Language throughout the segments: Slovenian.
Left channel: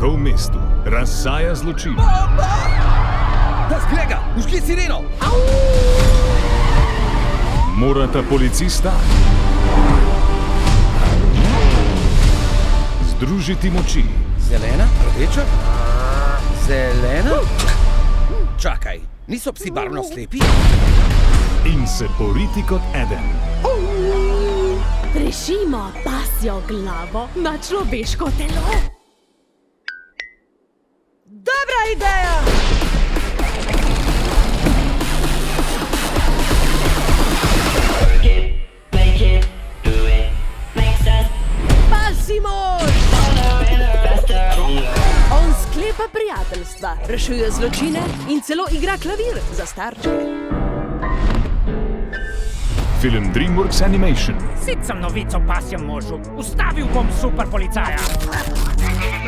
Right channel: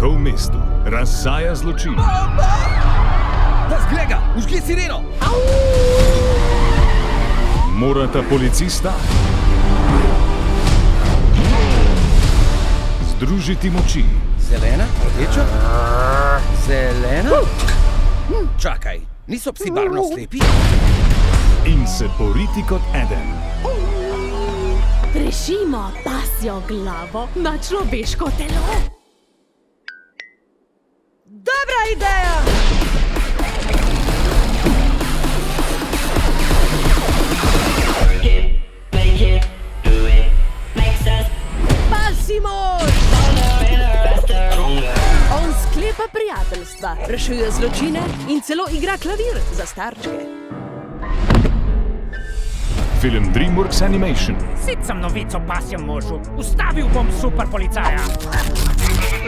Tako v mestu razsaja zločin. Pas, Grega, užgi sireno! Morata policista združiti moči. Zelena, rdeča, zelena. Čakaj, niso psi barvno slepi? In se boriti kot eden. Prišimo pasjo glavo na človeško telo. Dobra ideja! Pasji mož! On sklepa prijateljstva, rešuje zločine in celo igra klavir za starčke. Film DreamWorks Animation. Sit sem novico o pasjem možu. Ustavil bom super policaja.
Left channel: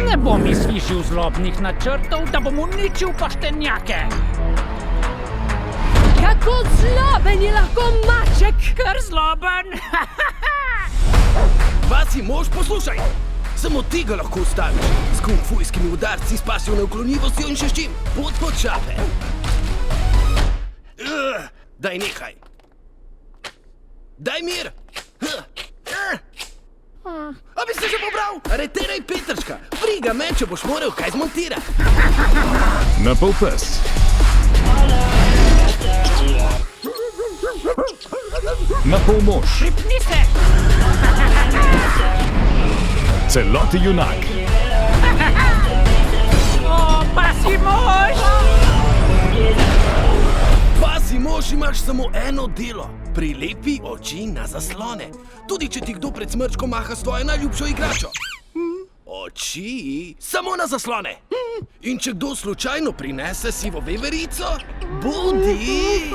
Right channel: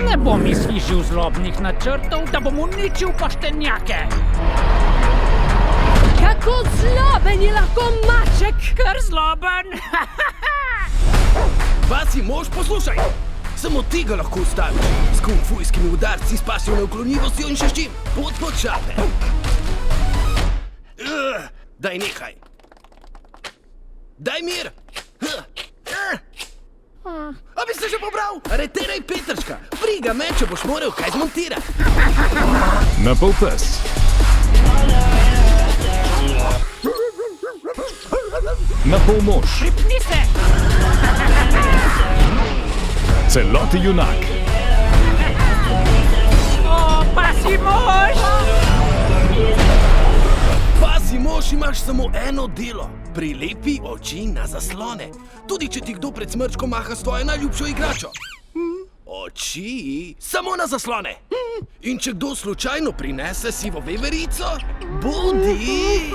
Ne bom izfižil zlobnih načrtov, da bom uničil poštenjake. Kako zloben je lahko maček! Kar zloben. Pasji mož, poslušaj! Samo ti ga lahko ustaviš. S kungfujskimi udarci, s pasjo neuklonljivostjo in še s čim. Pot pod šape. Daj nehaj. Daj mir! A bi se že pobral? Areteraj Petrčka! Briga me, če boš moral kaj zmontirati! Na pol pes. Na pol mož. Pripni se! Celoti junak. O, pasji mož! Pasji mož, imaš samo eno delo. Prilepi oči na zaslone. Tudi če ti kdo pred smrčko maha s tvojo najljubšo igračo. Oči samo na zaslone. In če kdo slučajno prinese sivo veverico, bodi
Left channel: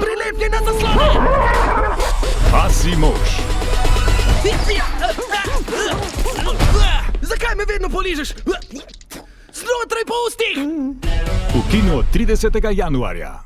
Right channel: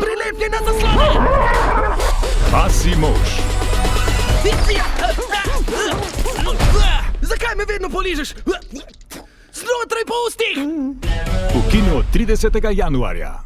prilepljen na zaslone. Pasji mož. Zakaj me vedno poližeš? Znotraj po ustih! V kinu od 30. januarja.